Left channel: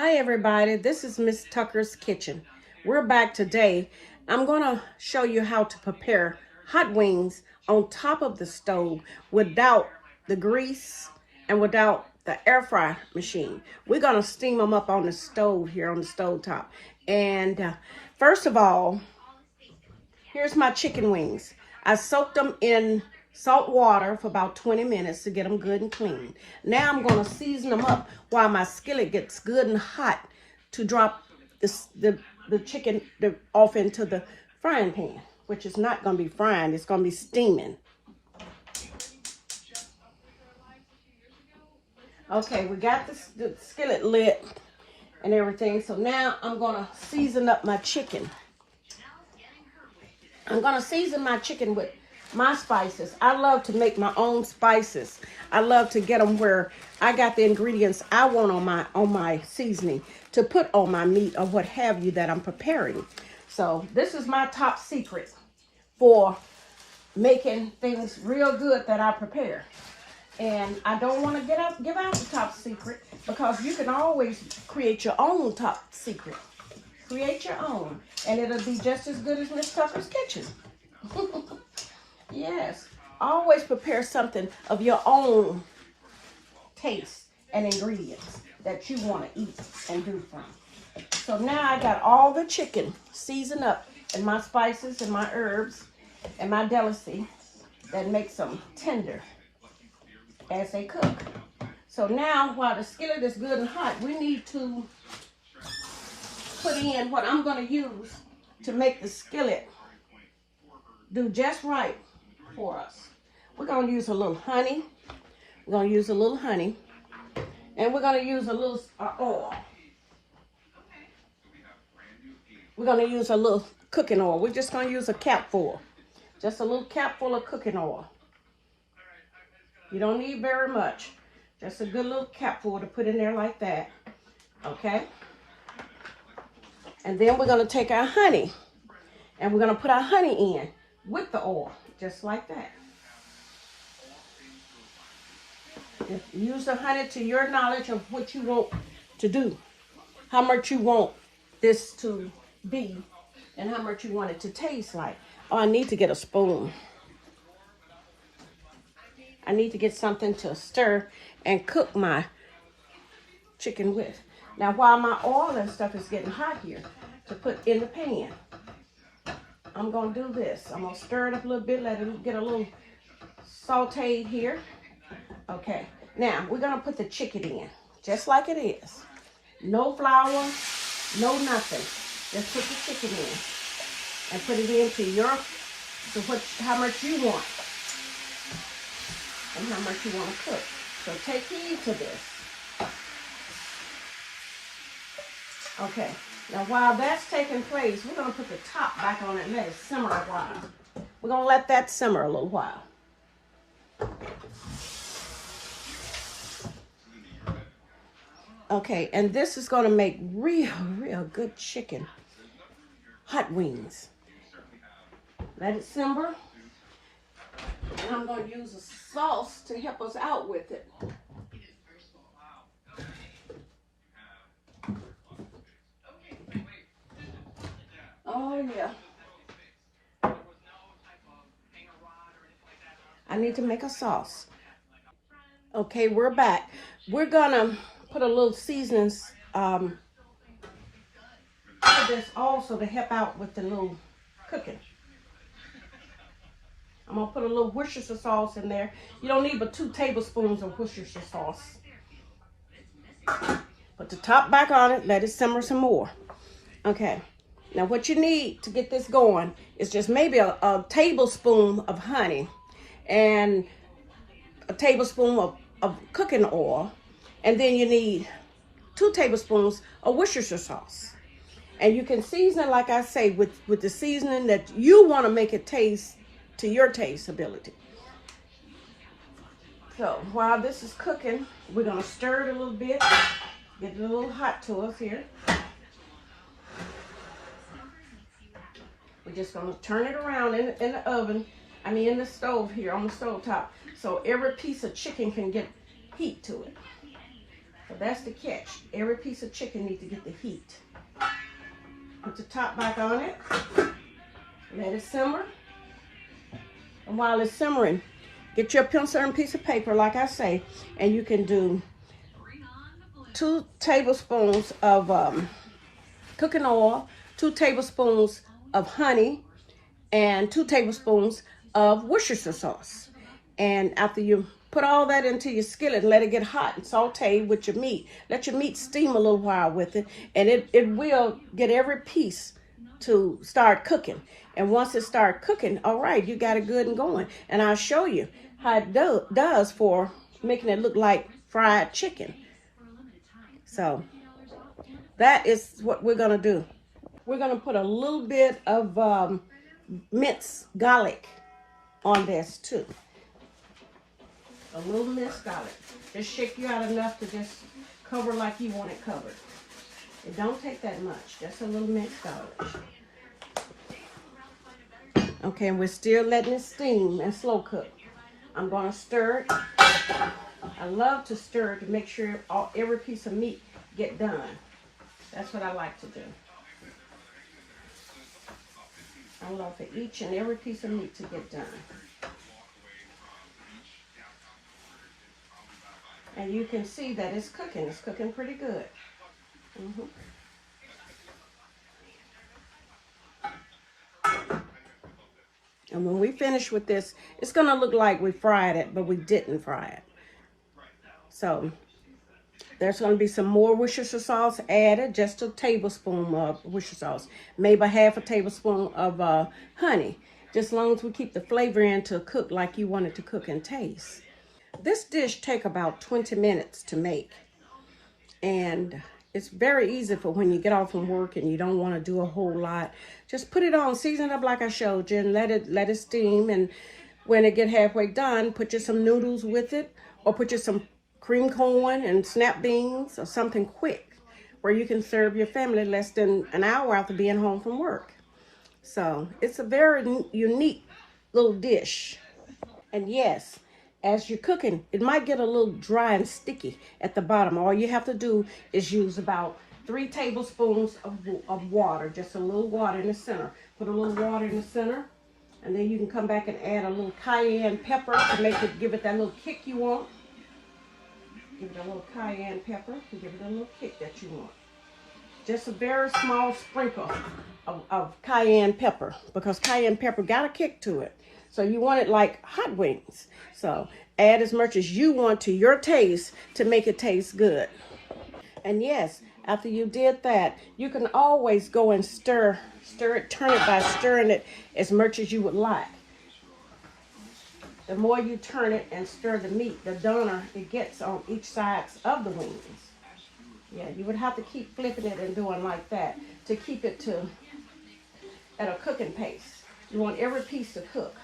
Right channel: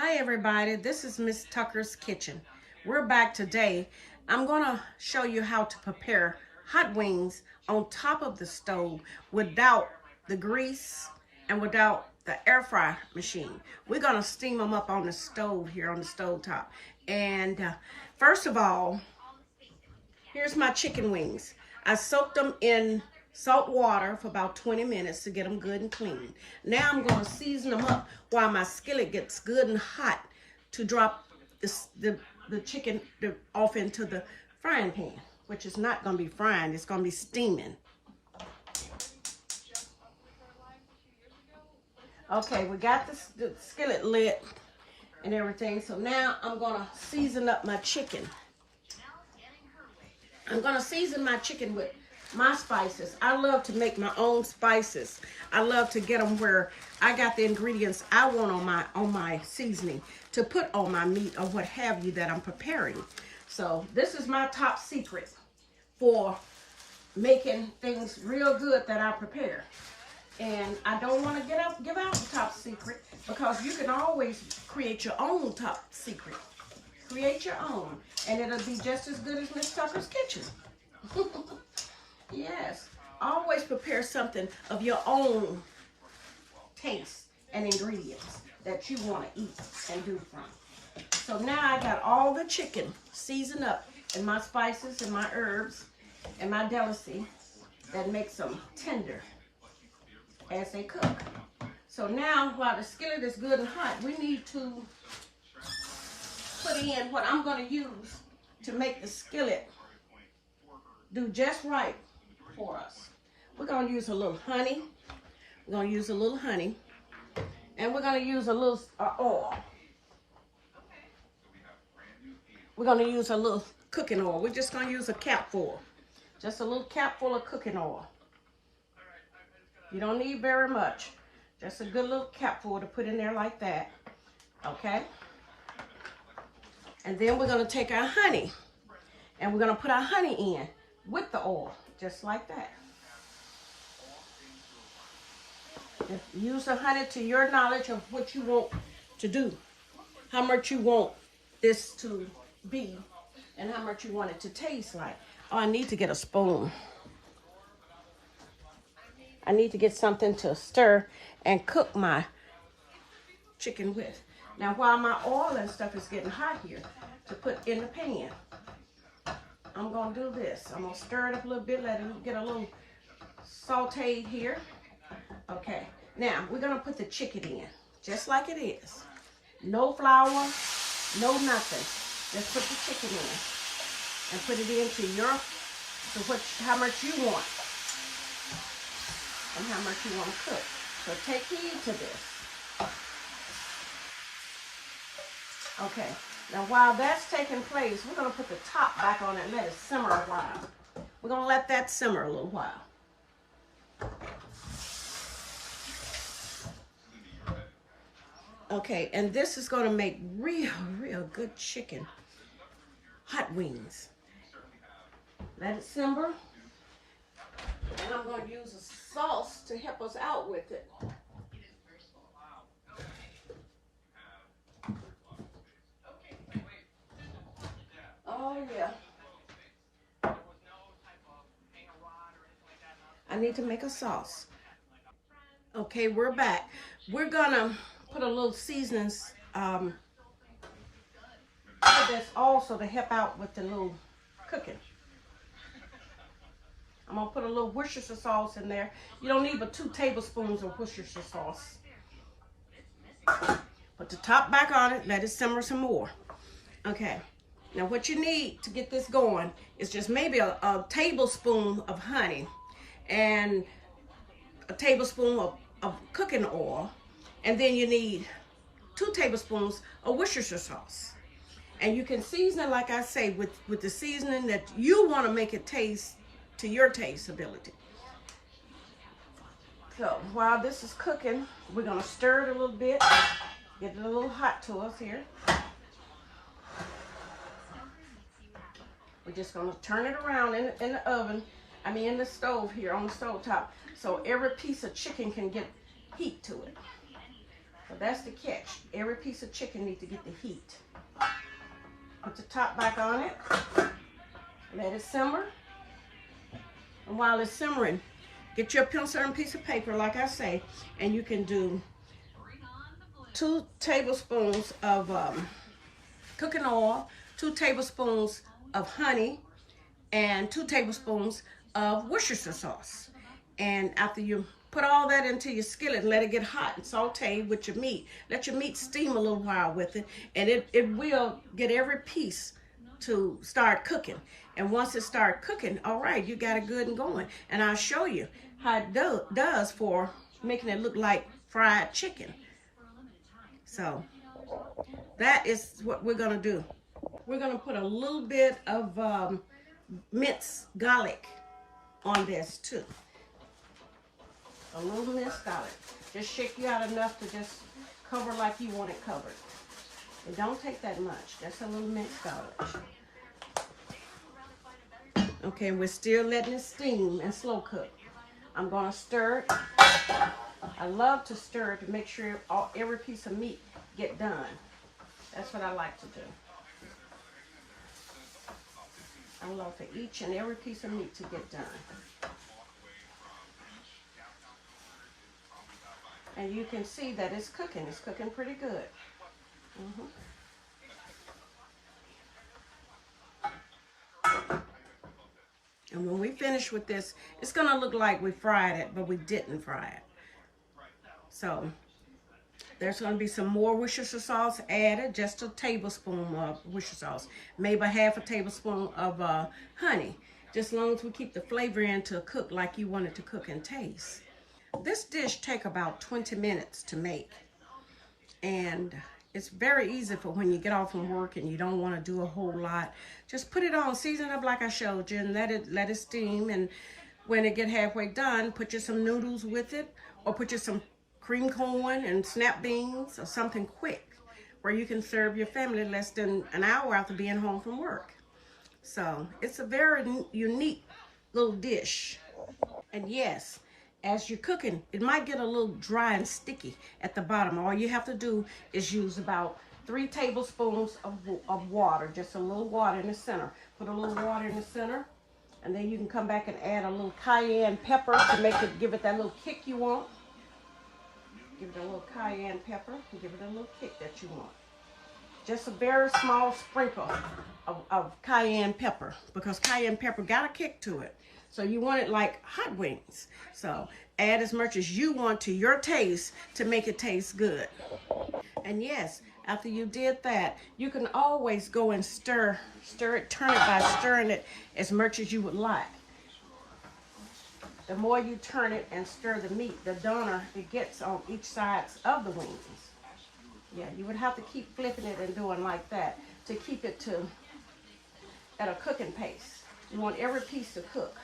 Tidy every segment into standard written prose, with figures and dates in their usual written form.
Hi everybody, this is Miss Tucker's Kitchen. We're back today. I'm going to show you how to prepare hot wings on top of the stove without the grease and without the air fry machine. We're going to steam them up on the stove here on the stove top. And first of all, here's my chicken wings. I soaked them in salt water for about 20 minutes to get them good and clean. Now I'm going to season them up while my skillet gets good and hot to drop the chicken off into the frying pan, which is not going to be frying, it's going to be steaming. Okay, we got the skillet lit and everything, so now I'm going to season up my chicken. I'm going to season my chicken with my spices. I love to make my own spices. I love to get them where I got the ingredients I want on my seasoning to put on my meat or what have you that I'm preparing. So this is my top secret for making things real good that I prepare. And I don't want to give out the top secret because you can always create your own top secret. Create your own, and it'll be just as good as Miss Tucker's Kitchen. Yes, always prepare something of your own taste and ingredients that you want to eat and do from. So now I got all the chicken seasoned up and my spices and my herbs and my delicacy that makes them tender as they cook. So now while the skillet is good and hot, we need to put in what I'm going to use to make the skillet do just right for us. We're going to use a little honey. We're going to use a little honey. And we're going to use a little oil. We're going to use a little cooking oil. We're just going to use a capful. Just a little capful of cooking oil. You don't need very much. Just a good little capful to put in there like that. Okay? And then we're going to take our honey. And we're going to put our honey in with the oil. Just like that. Just use the honey to your knowledge of what you want to do. How much you want this to be. And how much you want it to taste like. Oh, I need to get a spoon. I need to get something to stir and cook my chicken with. Now, while my oil and stuff is getting hot here to put in the pan, I'm going to do this. I'm going to stir it up a little bit, let it get a little sauteed here. Okay. Now, we're going to put the chicken in, just like it is. No flour, no nothing. Just put the chicken in and put it into how much you want and how much you want to cook. So take heed to this. Okay. Now, while that's taking place, we're going to put the top back on it and let it simmer a while. We're going to let that simmer a little while. Okay, and this is going to make real good chicken hot wings. Let it simmer. And I'm going to use a sauce to help us out with it. Oh, yeah. I need to make a sauce. Okay, we're back. We're going to put a little seasonings for this also to help out with the little cooking. I'm going to put a little Worcestershire sauce in there. You don't need but 2 tablespoons of Worcestershire sauce. Put the top back on it. Let it simmer some more. Okay. Now what you need to get this going is just maybe a tablespoon of honey and a tablespoon of cooking oil. And then you need 2 tablespoons of Worcestershire sauce. And you can season it, like I say, with the seasoning that you want to make it taste to your taste ability. So while this is cooking, we're going to stir it a little bit. Get it a little hot to us here. We're just going to turn it around in the oven. In the stove here on the stove top. So every piece of chicken can get heat to it. So that's the catch. Every piece of chicken needs to get the heat. Put the top back on it. Let it simmer. And while it's simmering, get your pencil and piece of paper, like I say, and you can do 2 tablespoons of cooking oil, 2 tablespoons of honey, and 2 tablespoons of Worcestershire sauce. And after you put all that into your skillet, let it get hot and saute with your meat. Let your meat steam a little while with it, and it will get every piece to start cooking. And once it starts cooking, all right, you got it good and going. And I'll show you how it does for making it look like fried chicken. So that is what we're gonna do. We're gonna put a little bit of minced garlic on this too. A little minced garlic. Just shake you out enough to just cover like you want it covered. It don't take that much, just a little minced garlic. Okay, and we're still letting it steam and slow cook. I'm gonna stir it. I love to stir it to make sure every piece of meat get done. That's what I like to do. I love for each and every piece of meat to get done. And you can see that it's cooking. It's cooking pretty good. And when we finish with this, it's gonna look like we fried it, but we didn't fry it. So there's gonna be some more Worcestershire sauce added, just a tablespoon of Worcestershire sauce, maybe half a tablespoon of honey, just as long as we keep the flavor in to cook like you want it to cook and taste. This dish take about 20 minutes to make, and it's very easy for when you get off from work and you don't want to do a whole lot. Just put it on, season it up like I showed you, and let it steam. And when it get halfway done, put you some noodles with it, or put you some cream corn and snap beans or something quick where you can serve your family less than an hour after being home from work. So it's a very unique little dish. And yes, as you're cooking, it might get a little dry and sticky at the bottom. All you have to do is use about 3 tablespoons of water, just a little water in the center. Put a little water in the center, and then you can come back and add a little cayenne pepper to make it, give it that little kick you want. Give it a little cayenne pepper to give it a little kick that you want. Just a very small sprinkle of cayenne pepper, because cayenne pepper got a kick to it. So you want it like hot wings. So add as much as you want to your taste to make it taste good. And yes, after you did that, you can always go and stir it, turn it by stirring it as much as you would like. The more you turn it and stir the meat, the donor it gets on each side of the wings. Yeah, you would have to keep flipping it and doing like that to keep it at a cooking pace. You want every piece to cook.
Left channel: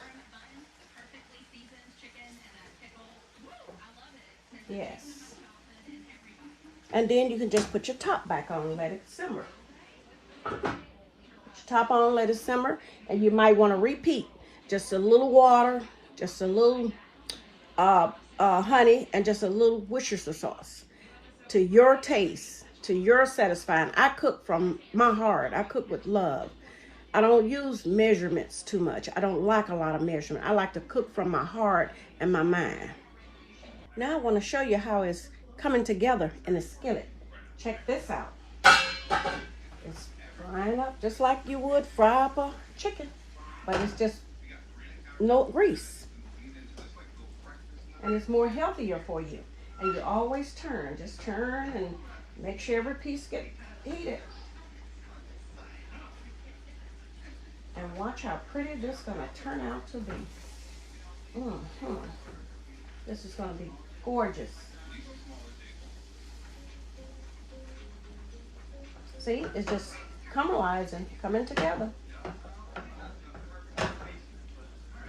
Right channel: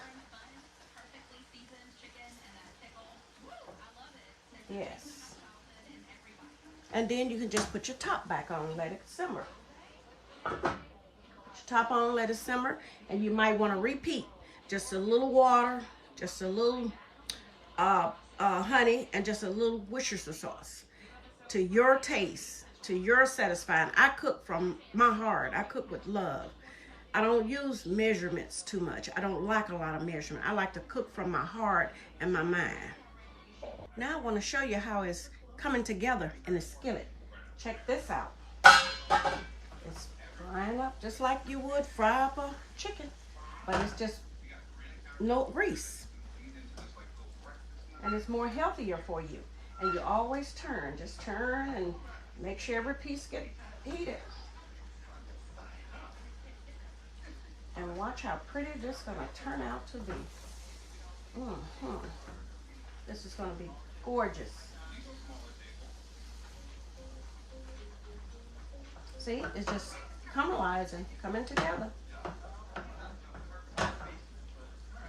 Yes. And then you can just put your top back on and let it simmer. Put your top on, let it simmer, and you might want to repeat. Just a little water, just a little honey, and just a little Worcestershire sauce to your taste, to your satisfying. I cook from my heart. I cook with love. I don't use measurements too much. I don't like a lot of measurement. I like to cook from my heart and my mind. Now I want to show you how it's coming together in the skillet. Check this out. It's frying up just like you would fry up a chicken, but it's just no grease. And it's more healthier for you. And you always turn, just turn and make sure every piece gets heated. And watch how pretty this is gonna turn out to be. This is gonna be gorgeous. See, it's just caramelizing, coming together.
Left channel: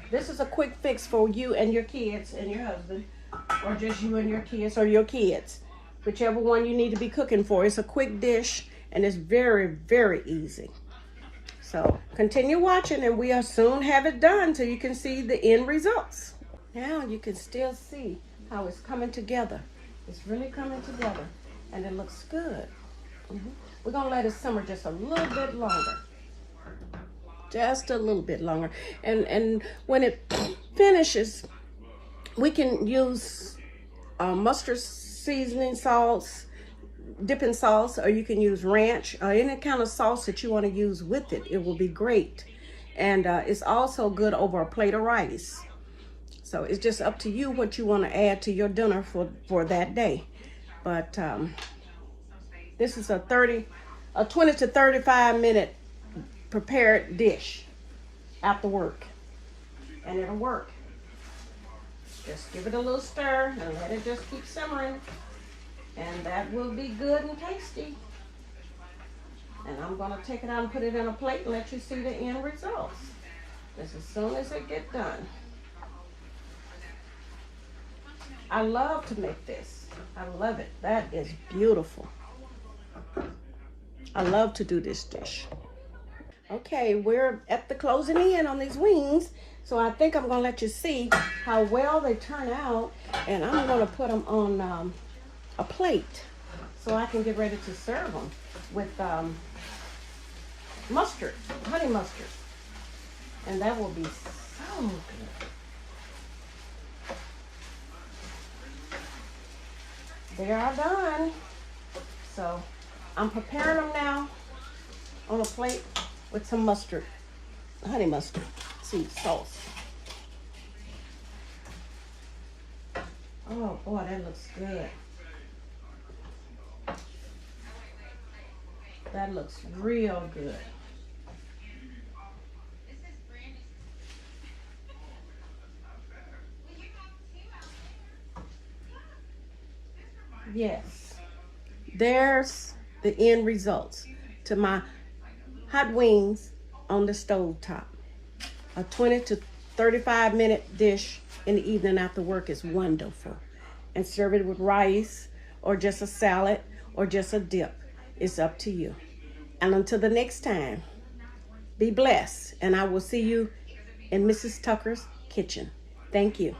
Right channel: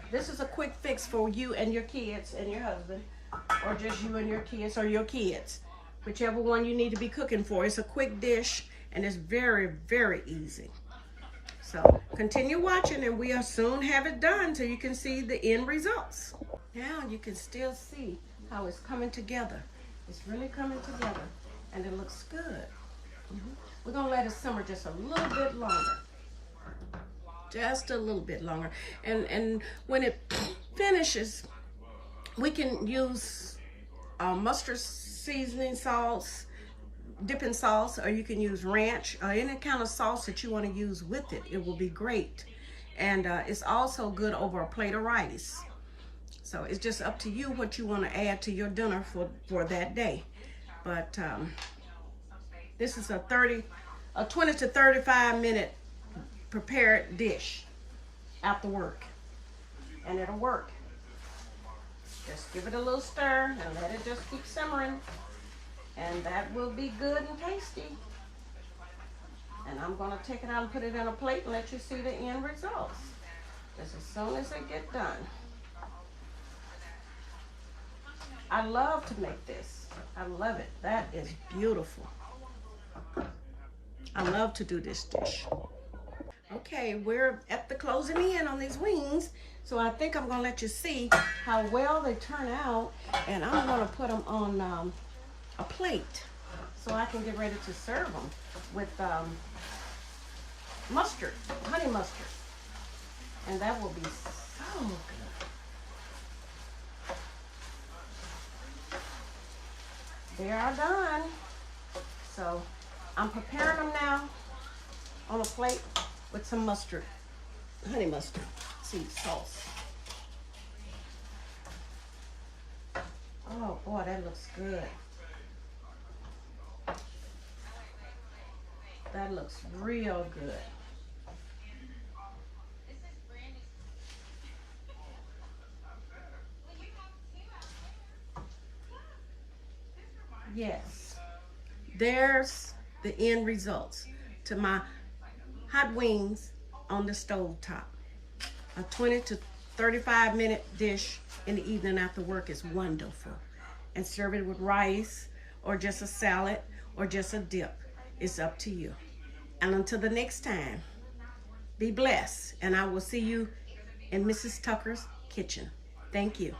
This is a quick fix for you and your kids and your husband, or just you and your kids or your kids. Whichever one you need to be cooking for. It's a quick dish and it's very, very easy. So continue watching and we'll soon have it done so you can see the end results. Now you can still see how it's coming together. It's really coming together. and it looks good. We're gonna let it simmer just a little bit longer. Just a little bit longer. And when it finishes, we can use mustard seasoning salts, dipping sauce, or you can use ranch or any kind of sauce that you want to use with it. It will be great. And it's also good over a plate of rice. So it's just up to you what you want to add to your dinner for that day. But this is a 20 to 35 minute prepared dish after work. And it'll work. Just give it a little stir and let it just keep simmering. And that will be good and tasty. And I'm gonna take it out and put it in a plate and let you see the end results. Just as soon as it gets done. I love to make this. I love it. That is beautiful. I love to do this dish. Okay, we're at the closing in on these wings. So I think I'm gonna let you see how well they turn out. And I'm gonna put them on a plate so I can get ready to serve them with mustard, honey mustard. And that will be so good. They are done. So I'm preparing them now on a plate with some mustard, honey mustard seed sauce. Oh boy, that looks good. That looks real good. Yes, there's the end results to my hot wings on the stove top. A 20 to 35 minute dish in the evening after work is wonderful. And serve it with rice or just a salad or just a dip. It's up to you. And until the next time, be blessed. And I will see you in Mrs. Tucker's kitchen. Thank you.